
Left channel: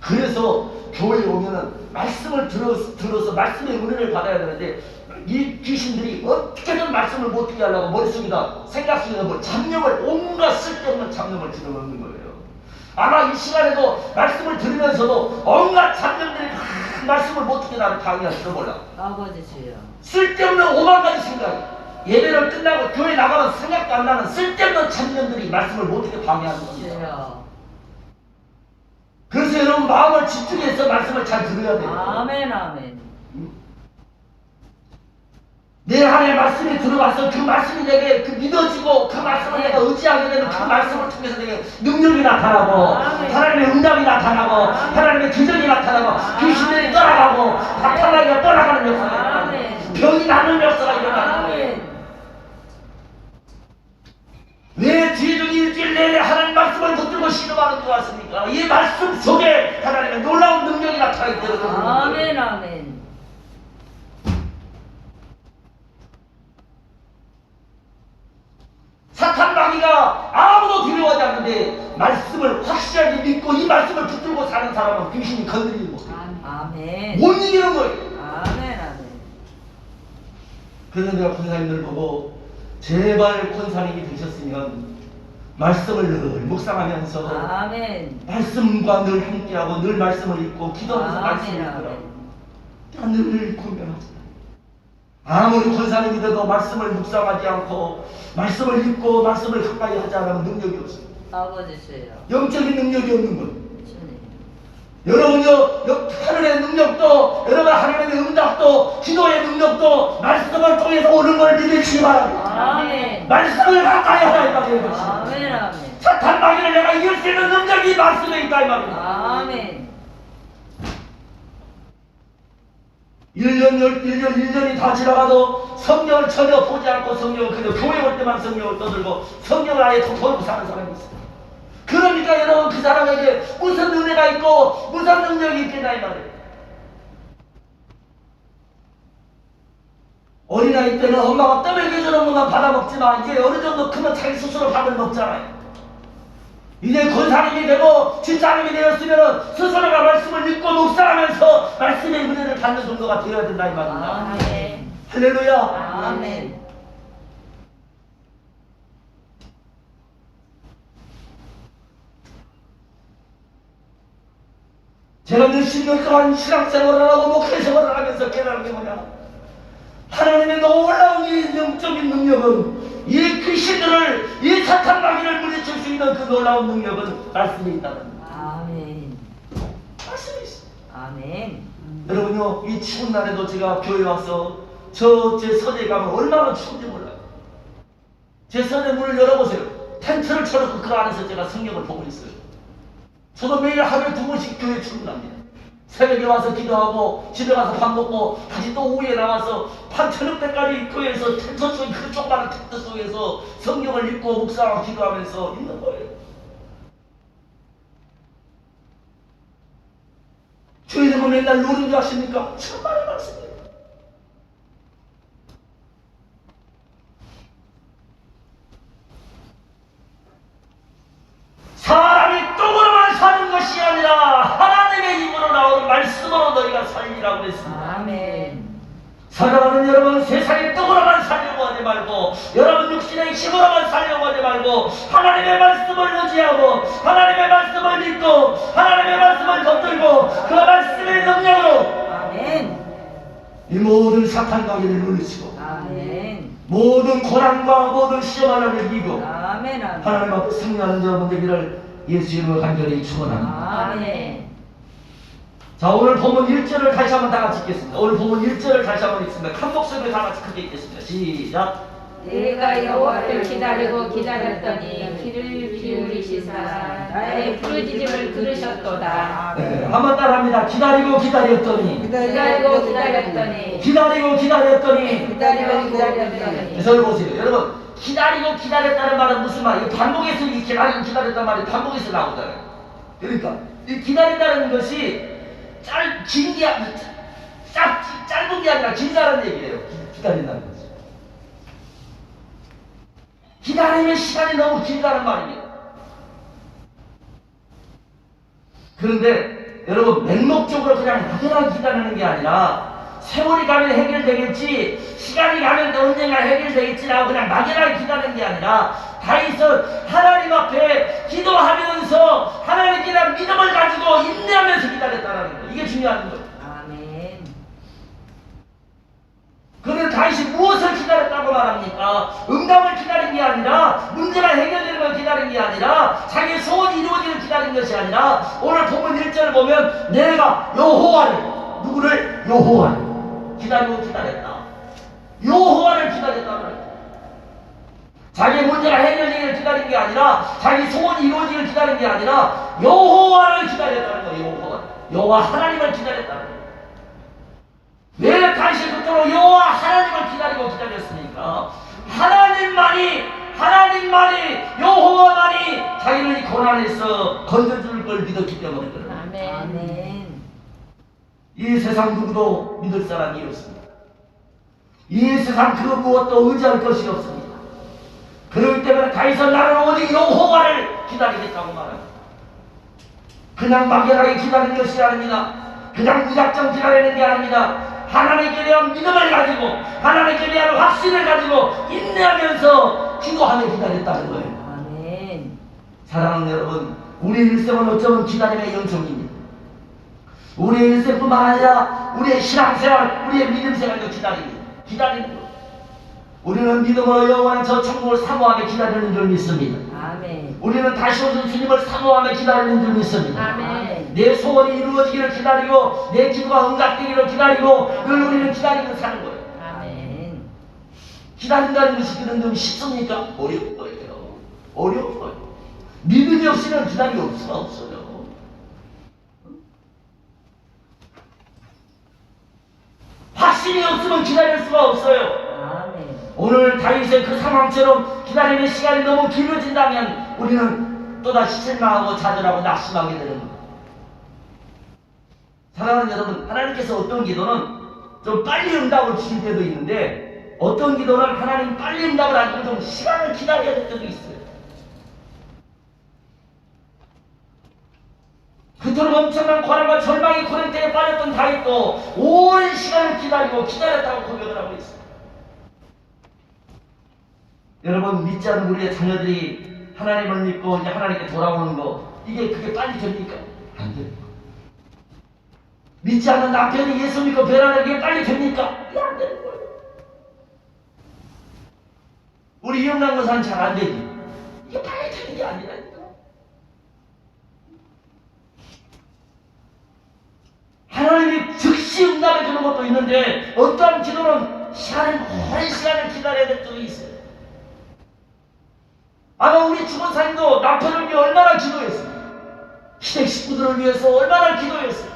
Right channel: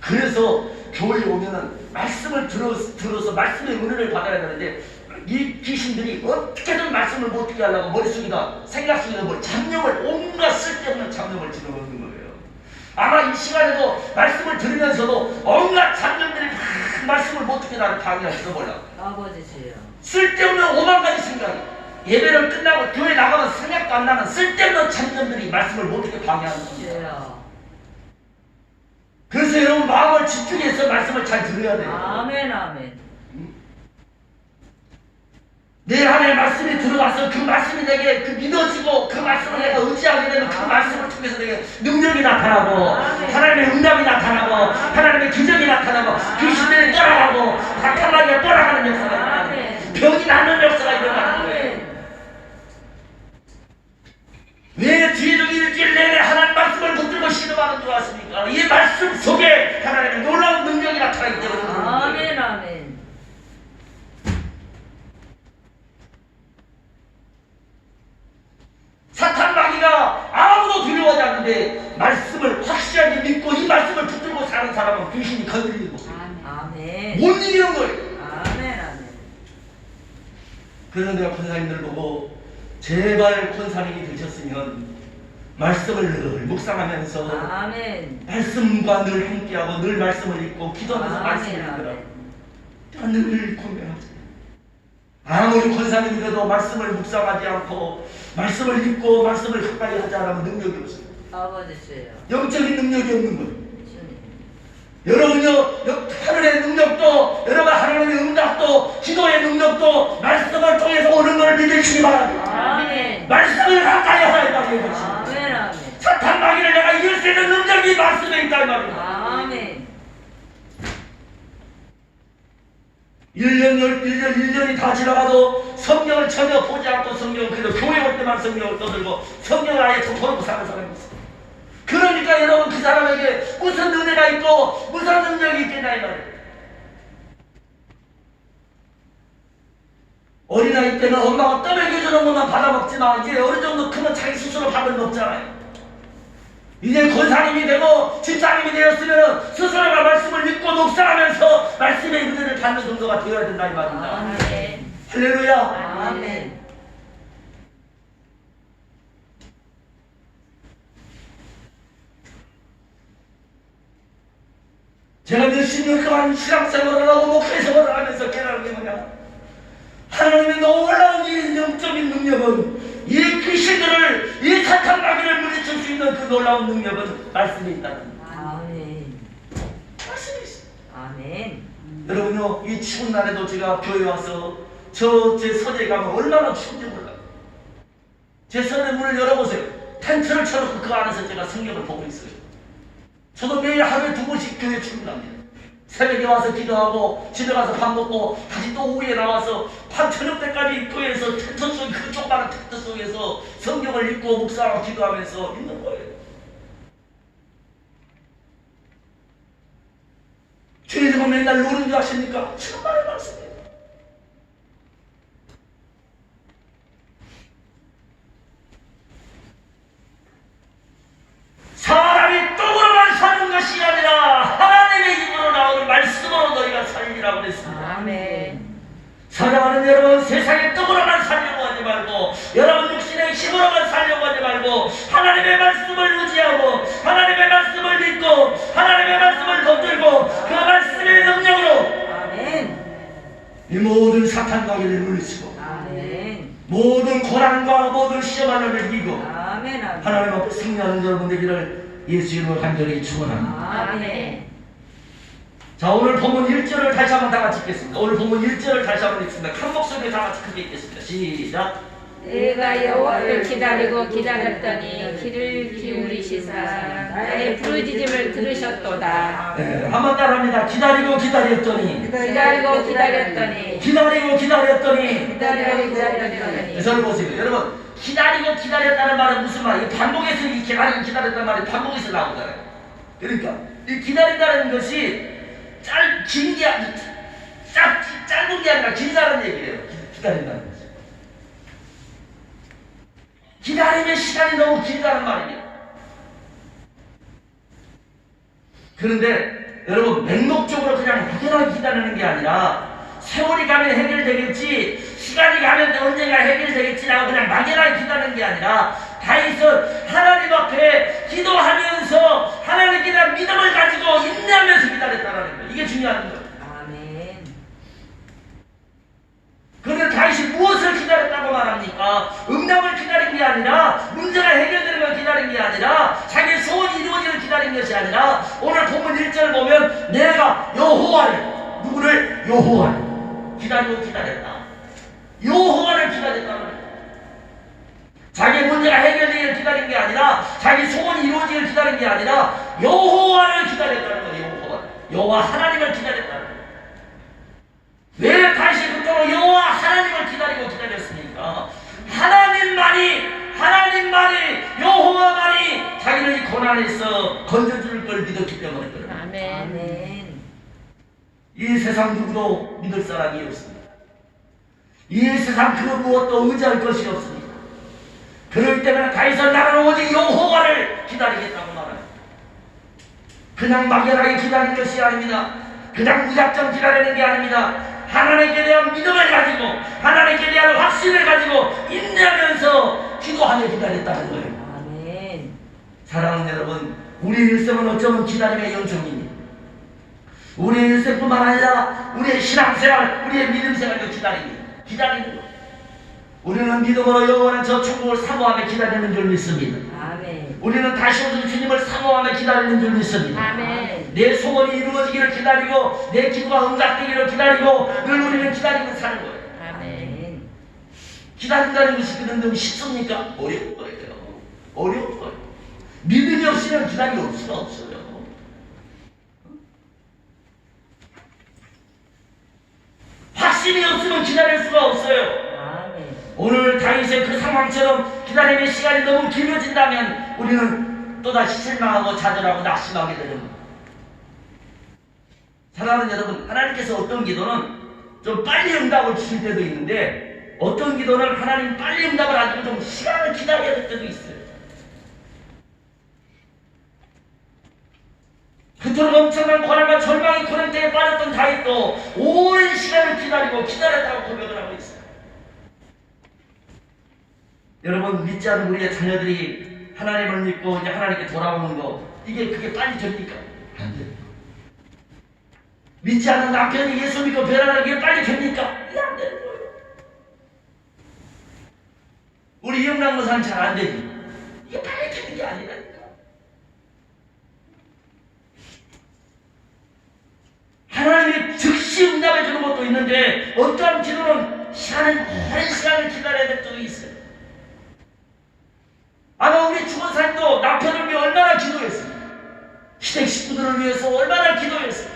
그래서 교회에 오면은 말씀을 들어서 말씀의 은혜를 받아야 되는데 이 귀신들이 어떻게든 말씀을 못 듣게 하려고 머릿속에다 생각 속에다 뭐 잡념을 온갖 쓸데없는 잡념을 집어넣는 거예요. 아마 이 시간에도 말씀을 들으면서도 온갖 잡념들이 막 말씀을 못 듣게 나를 방해할지도 몰라. 아버지세요. 쓸데없는 5만 가지 생각이 예배를 끝나고 교회 나가면 생각도 안 나는 쓸데없는 잡념들이 말씀을 못 듣게 방해하는 겁니다. 주여. 그래서 여러분 마음을 집중해서 말씀을 잘 들어야 돼요. 아멘. 아멘. 내 안에 말씀이 들어와서 그 말씀이 내게 그 믿어지고 그 말씀을 내가 의지하게 되면 그 말씀을 통해서 내게 능력이 나타나고 하나님의 응답이 나타나고 하나님의 기적이 나타나고 귀신들이 떠나가고 박탈마귀가 떠나가는 역사가 일어나고 병이 낫는 역사가 일어나는 거예요. 왜 뒤에도 일주일 내내 하나님 말씀을 붙들고 신음하는 줄 아십니까? 이 말씀 속에 하나님의 놀라운 능력이 나타나기 때문에 그런 거예요. 아멘. 아멘. 사탄 마귀가 아무도 두려워하지 않는데 말씀을 확실하게 믿고 이 말씀을 붙들고 사는 사람은 귀신이 건드리지 못해요. 아멘. 못 이기는 거예요. 아멘. 아멘. 그래서 내가 권사님들 보고 제발 권사님이 되셨으면 말씀을 늘 묵상하면서 아멘. 말씀과 늘 함께하고 늘 말씀을 읽고 기도하면서 말씀을 읽으라고 늘 고민하자. 아무리 권사님이 돼도 말씀을 묵상하지 않고 말씀을 읽고 말씀을 가까이 하지 않으면 능력이 없어요. 아버지세요. 영적인 능력이 없는 거예요. 주님. 여러분요 하늘의 능력도 여러분 하나님의 응답도 기도의 능력도 말씀을 통해서 오는 걸 믿으시기 바랍니다. 아멘. 말씀을 가까이 하라 이 말이에요. 아멘. 아멘. 사탄 마귀를 내가 이길 수 있는 능력이 말씀에 있다 이 말입니다. 아멘. 1년이 다 지나가도 성경을 전혀 보지 않고 성경을 그냥 교회 올 때만 성경을 떠들고 성경을 아예 덮어놓고 사는 사람이 있어요. 그러니까 여러분 그 사람에게 무슨 은혜가 있고 무슨 능력이 있겠나 이 말이에요. 어린아이 때는 엄마가 떠먹여주는 것만 받아먹지만 이제 어느 정도 크면 자기 스스로 밥을 먹잖아요. 이제 권사님이 되고 집사님이 되었으면 스스로가 말씀을 읽고 묵상하면서 말씀의 은혜를 받는 정도가 되어야 된다 이 말입니다. 아멘. 할렐루야. 아멘. 제가 60년 동안 신앙생활을 하고 목회생활을 하면서 깨달은 게 뭐냐, 하나님의 놀라운 이 영적인 능력은 이 귀신들을, 이 사탄 마귀를 물리칠 수 있는 그 놀라운 능력은 말씀에 있다는 겁니다. 아멘. 말씀에 있어요. 아멘. 여러분요, 이 추운 날에도 제가 교회 와서 제 서재에 가면 얼마나 추운지 몰라요. 제 서재 문을 열어보세요. 텐트를 쳐놓고 그 안에서 제가 성경을 보고 있어요. 저도 매일 하루에 2번씩 교회 출근합니다. 새벽에 와서 기도하고 집에 가서 밥 먹고 다시 또 오후에 나와서 밤 저녁 때까지 교회에서 텐트 속에, 그 조그마한 텐트 속에서 성경을 읽고 묵상하고 기도하면서 있는 거예요. 교회에서 맨날 노는 줄 아십니까? 정말 말씀이에요. 사람이 떡으로만 사는 것이 아니라 하나님의 입으로 나오는 말씀으로 너희가 살리라고 그랬습니다. 아멘. 사랑하는 여러분, 세상의 떡으로만 살려고 하지 말고, 여러분 육신의 힘으로만 살려고 하지 말고, 하나님의 말씀을 의지하고 하나님의 말씀을 믿고 하나님의 말씀을 붙들고 그 말씀의 능력으로 아멘. 이 모든 사탄 마귀를 물리치고 아멘. 모든 고난과 모든 시험 하나를 이기고 아멘. 아멘. 하나님 앞에 승리하는 여러분 되기를 예수 이름으로 간절히 축원합니다. 아멘. 자, 오늘 본문 1절을 다시 한번 다 같이 읽겠습니다. 오늘 본문 1절을 다시 한번 읽습니다. 한 목소리에 다 같이 크게 읽겠습니다. 시작. 내가 여호와를 기다리고 기다렸더니 귀를 기울이시사 나의 부르짖음을 들으셨도다. 네, 한번 따라합니다. 기다리고 기다렸더니 기다리고 기다렸더니 기다리고 기다렸더니. 기다리고 기다렸더니. 저를 보세요. 여러분, 기다리고 기다렸다는 말은 무슨 말이에요? 반복해서 이 기다리고 기다렸다는 말이 반복해서 나오잖아요. 그러니까 이 기다린다는 것이 짧은 게 아니라 길다는 얘기예요. 기다린다는 것이. 기다리는 시간이 너무 길다는 말입니다. 그런데 여러분, 맹목적으로 그냥 막연하게 기다리는 게 아니라 세월이 가면 해결되겠지, 시간이 가면 언젠가 해결되겠지라고 그냥 막연하게 기다리는 게 아니라 다윗은 하나님 앞에 기도하면서 하나님께 대한 믿음을 가지고 인내하면서 기다렸다는 거예요. 이게 중요한 거예요. 아멘. 그런데 다윗이 무엇을 기다렸다고 말합니까? 응답을 기다린 게 아니라, 문제가 해결되는 걸 기다린 게 아니라, 자기의 소원이 이루어지는 기다린 것이 아니라, 오늘 본문 1절을 보면 내가 여호와를, 누구를? 여호와를 기다리고 기다렸다. 여호와를 기다렸다는 거예요. 자기의 문제가 해결되기를 기다린 게 아니라, 자기 소원이 이루어지기를 기다린 게 아니라 여호와를 기다렸다는 거예요. 여호와 하나님을 기다렸다는 거예요. 왜 다시 그토록 여호와 하나님을 기다리고 기다렸습니까? 하나님만이 여호와만이 자기를 이 고난에서 건져줄 걸 믿었기 때문에 그래요. 아멘. 아멘. 이 세상 누구도 믿을 사람이 없습니다. 이 세상 그 무엇도 의지할 것이 없습니다. 그렇기 때문에 다윗은 나는 오직 여호와를 기다리겠다고 말해요. 그냥 막연하게 기다리는 것이 아닙니다. 그냥 무작정 기다리는 게 아닙니다. 하나님께 대한 믿음을 가지고, 하나님께 대한 확신을 가지고 인내하면서 기도하며 기다렸다는 거예요. 아멘. 사랑하는 여러분, 우리의 일생은 어쩌면 기다림의 연속입니다. 우리의 일생뿐만 아니라 우리의 신앙생활, 우리의 믿음생활도 기다리는 거예요. 우리는 믿음으로 여호와는 저 천국을 사모하며 기다리는 줄 믿습니다. 아멘. 우리는 다시 오실 주님을 사모하며 기다리는 줄 믿습니다. 아멘. 내 소원이 이루어지기를 기다리고 내 기도가 응답되기를 기다리고 늘 우리는 기다리고 사는 거예요. 아멘. 기다린다는 것이 그런데 쉽습니까? 어려운 거예요. 어려운 거예요. 믿음이 없이는 기다릴 수가 없어요. 확신이 없으면 기다릴 수가 없어요. 아멘. 오늘 다윗의 그 상황처럼 기다림의 시간이 너무 길어진다면 우리는 또다시 실망하고 좌절하고 낙심하게 되는 겁니다. 사랑하는 여러분, 하나님께서 어떤 기도는 좀 빨리 응답을 주실 때도 있는데 어떤 기도는 하나님 빨리 응답을 안 주고 좀 시간을 기다려야 될 때도 있어요. 그토록 엄청난 고난과 절망이 고난때에 빠졌던 다윗도 오랜 시간을 기다리고 기다렸다고 고백을 하고 있어요. 여러분, 믿지 않는 우리의 자녀들이 하나님을 믿고 이제 하나님께 돌아오는 거, 그게 빨리 됩니까? 안 됩니다. 믿지 않는 남편이 예수 믿고 변하는 게 빨리 됩니까? 이게 안 되는 거예요. 우리 이영남고사는 잘 안 되지. 이게 빨리 되는 게 아니라니까. 하나님이 즉시 응답해 주는 것도 있는데 어떠한 기도는 오랜 시간을 기다려야 될 때도 있어요. 아마 우리 주원사님도 남편을 위해 얼마나 기도했어요. 시댁 식구들을 위해서 얼마나 기도했어요.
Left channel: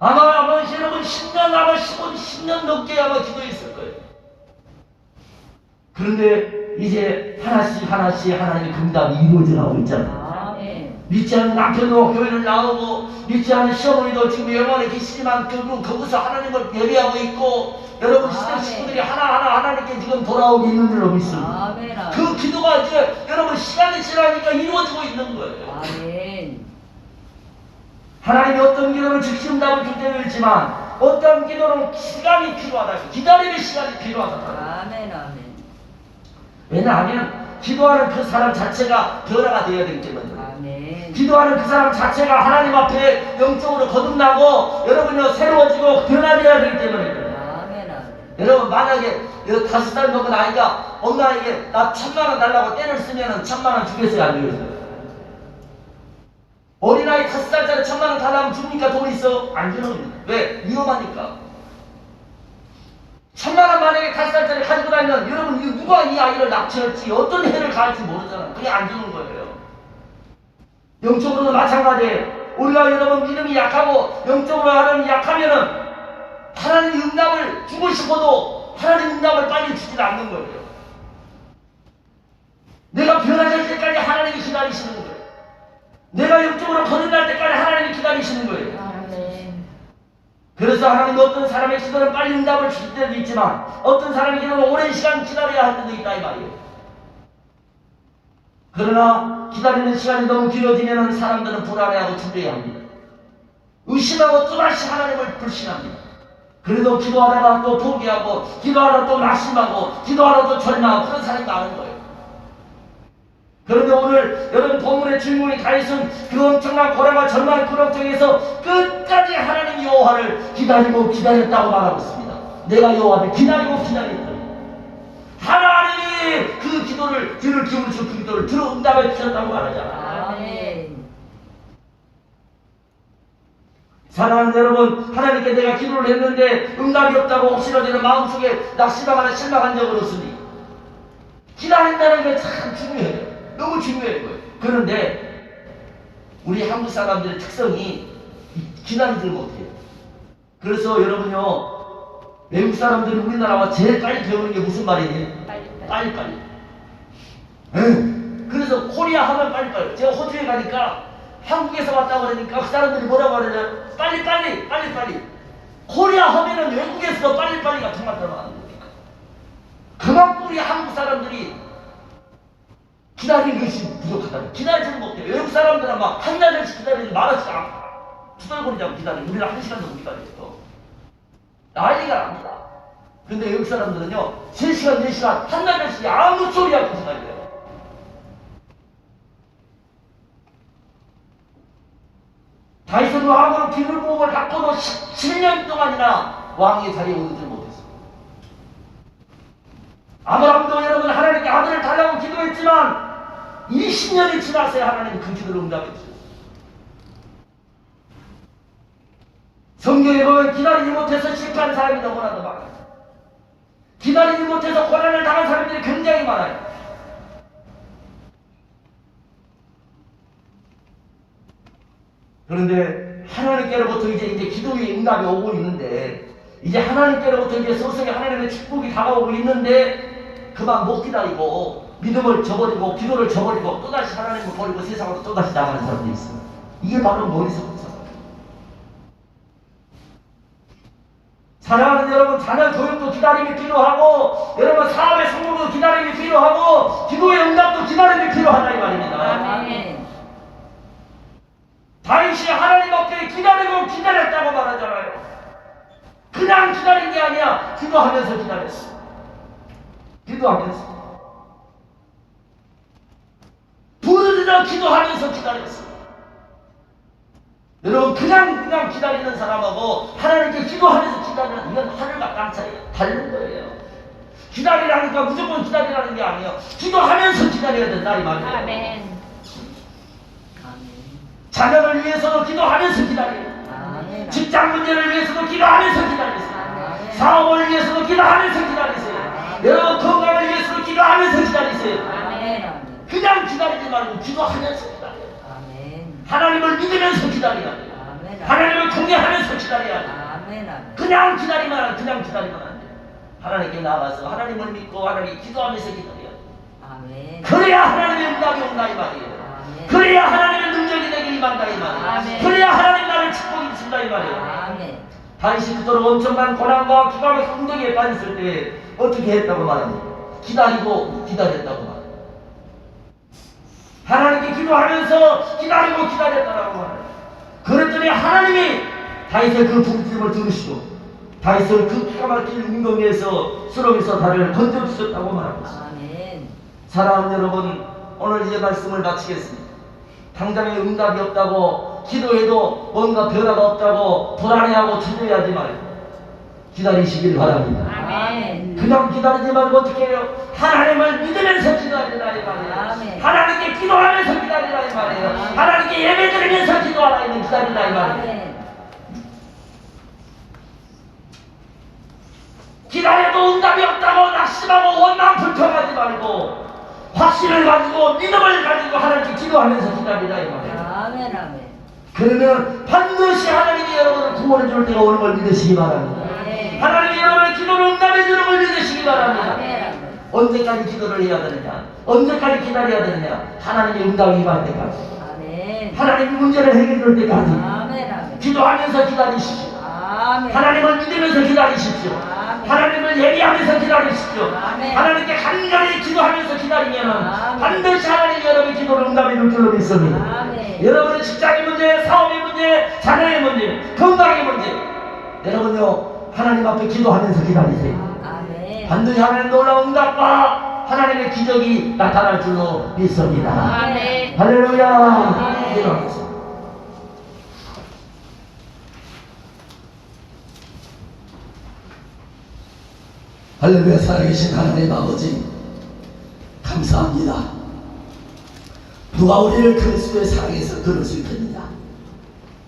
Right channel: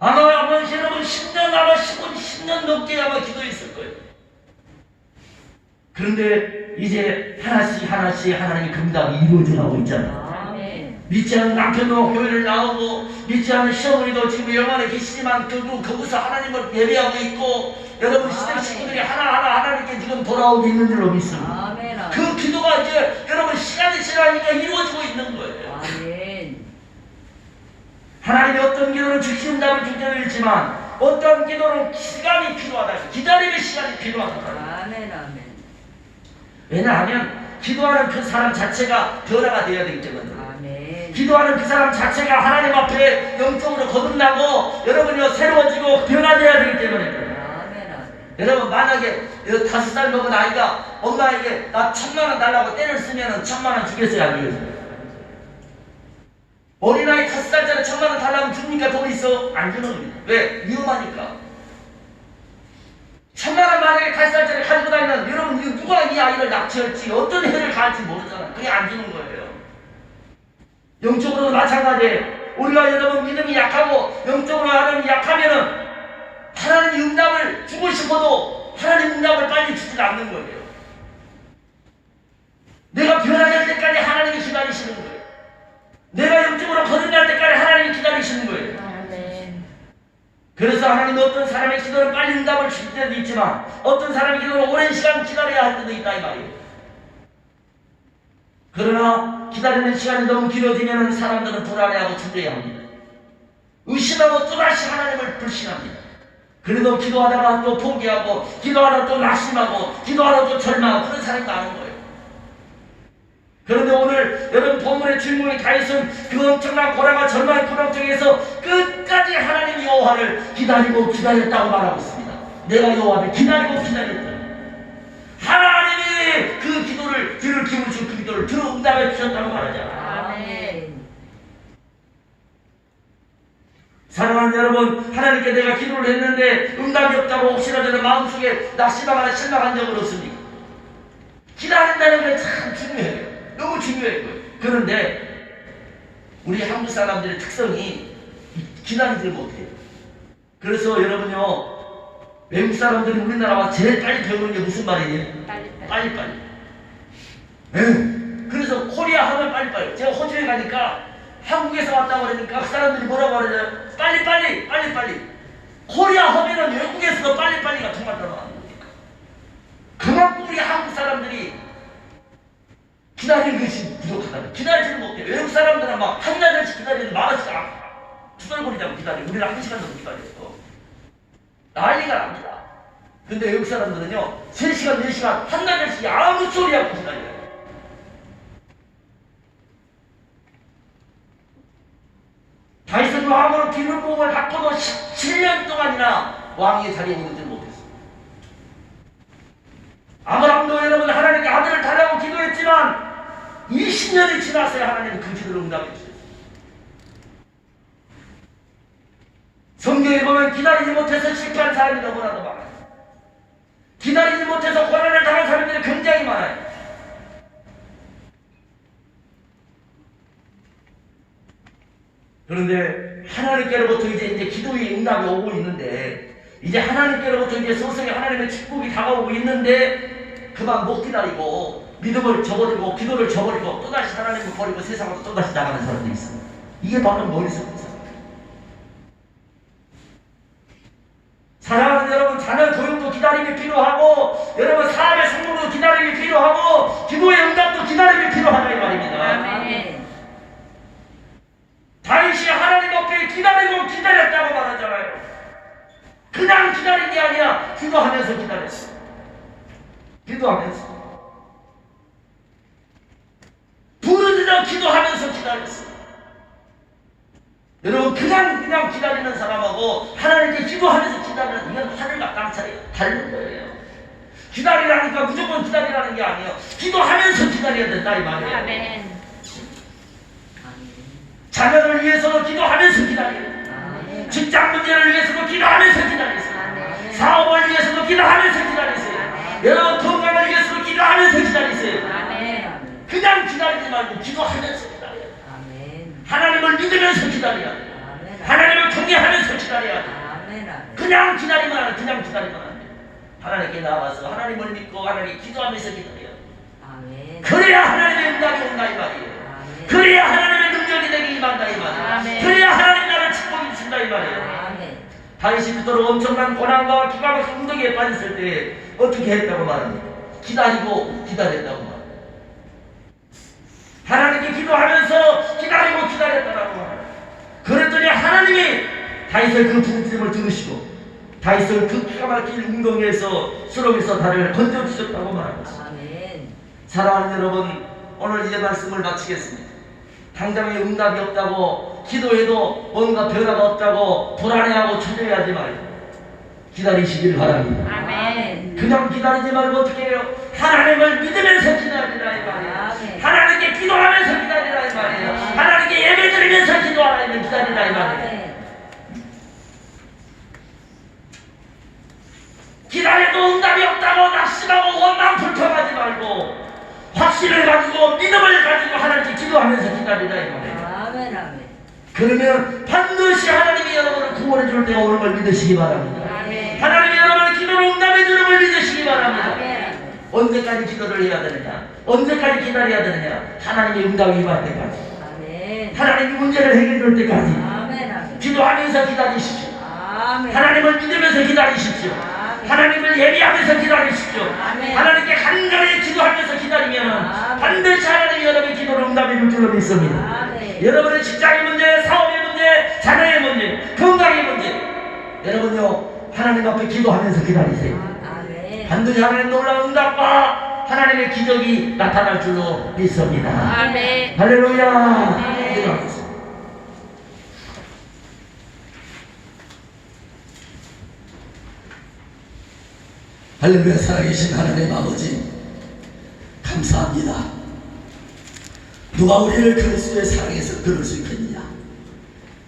아마 여러분 10년, 아마 10년 넘게 아마 기도했을 거예요. 그런데 이제 하나씩 하나님의 응답이 이루어져가고 있잖아요. 아멘. 믿지 않는 남편도 교회를 나오고, 믿지 않는 시어머니도 지금 영안에 계시지만 거기서 하나님을 예배하고 있고, 여러분 시댁 식구들이 하나하나 하나님께 지금 돌아오고 있는 줄로 믿습니다. 아멘. 그 기도가 이제 여러분 시간이 지나니까 이루어지고 있는 거예요. 아멘. 하나님이 어떤 기도는 즉시 응답을 줄 때도 있지만 어떤 기도는 시간이 필요하다. 기다림의 시간이 필요하다. 아멘. 아멘. 왜냐하면 기도하는 그 사람 자체가 변화가 되어야 되기 때문에. 아멘. 기도하는 그 사람 자체가 하나님 앞에 영적으로 거듭나고 여러분이 새로워지고 변화되어야 되기 때문에. 아멘. 여러분, 만약에 5살 먹은 아이가 엄마에게 나 1,000,000원 달라고 떼를 쓰면은 1,000,000원 주겠어요, 안 주겠어요? 어린아이 5살짜리 1,000,000원 달라고 줍니까? 돈 있어? 안 주는 겁니다. 왜? 위험하니까. 1,000,000원 만약에 5살짜리 가지고 다니면 여러분, 누가 이 아이를 납치할지 어떤 해를 가할지 모르잖아요. 그게 안 주는 거예요. 영적으로도 마찬가지예요. 우리가 여러분 믿음이 약하고 영적으로 하나님이 약하면은 하나님이 응답을 주고 싶어도 하나님 응답을 빨리 주질 않는 거예요. 내가 변화될 때까지 하나님이 기다리시는 거예요. 내가 영적으로 거듭날 때까지 하나님이 기다리시는 거예요. 아멘. 그래서 하나님은 어떤 사람의 기도는 빨리 응답을 주실 때도 있지만 어떤 사람의 기도는 오랜 시간 기다려야 할 때도 있다 이 말이에요. 그러나 기다리는 시간이 너무 길어지면 사람들은 불안해하고 두려워합니다. 의심하고 또다시 하나님을 불신합니다. 그래도 기도하다가 또 포기하고 기도하다가 또 낙심하고 기도하다가 또 절망하고 그런 사람이 많은 거예요. 그런데 오늘 여러분 본문의 주인공이 다윗은 그 엄청난 고난과 절망의 고난 중에서 끝까지 하나님 여호와를 기다리고 기다렸다고 말하고 있습니다. 내가 여호와를 기다리고 기다렸다. 하나님이 그 기도를 귀를 기울이시고 그 기도를 들어 응답해 주셨다고 말하잖아요. 아멘. 사랑하는 여러분, 하나님께 내가 기도를 했는데 응답이 없다고 혹시라도 내 마음속에 낙심하거나 실망한 적은 없습니까? 기다린다는 게 참 중요해요. 너무 중요해요. 그런데 우리 한국 사람들의 특성이 기다리지 못해요. 그래서 여러분요, 외국 사람들이 우리나라와 제일 빨리 배우는 게 무슨 말이에요? 빨리빨리. 그래서 코리아 하면 빨리빨리. 제가 호주에 가니까 한국에서 왔다고 그러니까 그 사람들이 뭐라고 그러냐면 빨리빨리. 코리아 하면은 외국에서 빨리빨리가 정말 더 많은 거니까. 그만큼 우리 한국 사람들이 기다리는 것이 부족하다. 기다리지를 못해. 외국 사람들은 막 한 달씩 기다리는데 말하지 않아. 투덜거리자고 기다리고 우리는 1시간 정도 기다렸어. 난리가 납니다. 근데 외국 사람들은요 3시간, 4시간, 한 달씩 아무 소리 하고 기다려요. 다윗은 왕으로 기물복을 받고도 17년 동안이나 왕의 자리에 오르지 못했어. 아브라함도 여러분 하나님께 아들을 달라고 기도했지만 20년이 지났어야 하나님이 그 기도를 응답해 주셨어요. 성경에 보면 기다리지 못해서 실패한 사람이 너무나도 많아요. 기다리지 못해서 고난을 당한 사람들이 굉장히 많아요. 그런데 하나님께로부터 이제 기도의 응답이 오고 있는데 이제 하나님께로부터 이제 서서히 하나님의 축복이 다가오고 있는데 그만 못 기다리고 믿음을 저버리고 기도를 저버리고 또다시 하나님을 버리고 세상으로 또다시 나가는 사람들이 있습니다. 이게 바로 머리서 본 사람. 사랑하는 여러분, 자녀 교육도 기다림이 필요하고, 여러분 사업의 성공도 기다림이 필요하고, 기도의 응답도 기다림이 필요하다 이 말입니다. 아멘. 다윗이 하나님 앞에 기다리고 기다렸다고 말하잖아요. 그냥 기다린 게 아니야. 기도하면서 기다렸어. 기도하면서. 부르짖어 기도하면서 기다렸어. 여러분 그냥 기다리는 사람하고 하나님께 기도하면서 기다리는, 이건 하늘과 땅 차이가 다른 거예요. 기다리라니까 무조건 기다리라는 게 아니에요. 기도하면서 기다려야 된다 이 말이에요. 아멘. 자녀를 위해서도 기도하면서 기다려요. 아멘. 직장 문제를 위해서도 기도하면서 기다리세요. 아멘. 사업을 위해서도 기도하면서 기다리세요. 여러분 건강을 위해서도 기도하면서 기다리세요. 아멘. 그냥 기다리지 말고 기도하면서 기다려요. 아멘. 하나님을 믿으면서 기다려야 돼요. 아멘. 하나님을 통해하면서 기다려야 돼요. 아멘. 아멘. 그냥 기다리면 안 돼요. 하나님께 나가서 하나님을 믿고 하나님 기도하면서 기다려야 돼요. 아멘. 그래야 하나님의 응답이 온다 이 말이에요. 아멘. 그래야 하나님의 능력이 내게 임한다 이 말이에요. 아멘. 그래야 하나님 나를 축복이 주신다 이 말이에요. 아멘. 다윗이 그토록 엄청난 고난과 기가 막힌 운동에 빠졌을 때 어떻게 했다고 말합니까? 기다리고 기다렸다고 말합니다. 하나님께 기도하면서 기다리고 기다렸다고 말합니다. 그랬더니 하나님이 다윗의 그 부르짖음을 들으시고 다윗을 그 기가 막힌 운동에서 수렁에서 다리를 건져주셨다고 말합니다. 아멘. 사랑하는 여러분, 오늘 이제 말씀을 마치겠습니다. 당장에 응답이 없다고, 기도해도 뭔가 변화가 없다고 불안해하고 초조해하지 말고 기다리시길 바랍니다. 아멘. 그냥 기다리지 말고 어떻게 해요? 하나님을 믿으면서 기다리라 이 말이에요. 아멘. 하나님께 기도하면서 기다리라 이 말이에요. 하나님께 예배 드리면서 기도하라 이 기다리라 이 말이에요. 아멘. 기다려도 응답이 없다고 낙심하고 원망 불평하지 말고 확신을 가지고 믿음을 가지고 하나님께 기도하면서 기다리라 이 말이에요. 아멘. 아멘. 그러면 반드시 하나님이 여러분을 구원해 줄 때가 오는 걸 믿으시기 바랍니다. 아멘. 하나님이 여러분의 기도를 응답해 주는 걸 믿으시기 바랍니다. 아멘. 언제까지 기도를 해야 되느냐? 언제까지 기다려야 되느냐? 하나님의 응답이 임할 때까지, 아멘. 하나님이 문제를 해결해 줄 때까지 아멘. 아멘. 기도하면서 기다리십시오. 아멘. 하나님을 믿으면서 기다리십시오. 아멘. 하나님을 예비하면서 기다리십시오. 아멘. 하나님께 간절히 기도하면서 기다리면 아멘. 반드시 하나님이 여러분의 기도를 응답해 줄 줄로 믿습니다. 아멘. 여러분의 직장의 문제, 사업의 문제, 자녀의 문제, 건강의 문제, 여러분요 하나님 앞에 기도하면서 기다리세요. 아멘. 반드시 하나님 놀라운 응답과 하나님의 기적이 나타날 줄로 믿습니다. 아멘. 할렐루야. 네. 기도하겠습니다. 할렐루야. 살아계신 하나님 아버지 감사합니다. 누가 우리를 그리스도의 사랑에서 끊을 수 있겠느냐?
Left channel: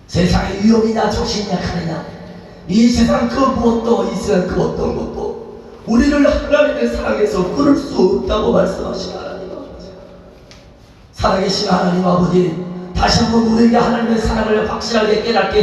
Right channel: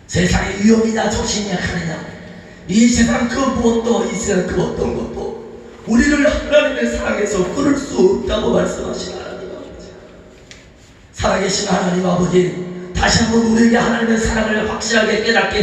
세상의 위험이냐 적신이냐 하느냐, 이 세상 그 무엇도, 이 세상 그 어떤 것도 우리를 하나님의 사랑에서 끊을 수 없다고 말씀하신 하나님 아버지, 살아계신 하나님 아버지, 다시 한번 우리에게 하나님의 사랑을 확실하게 깨닫게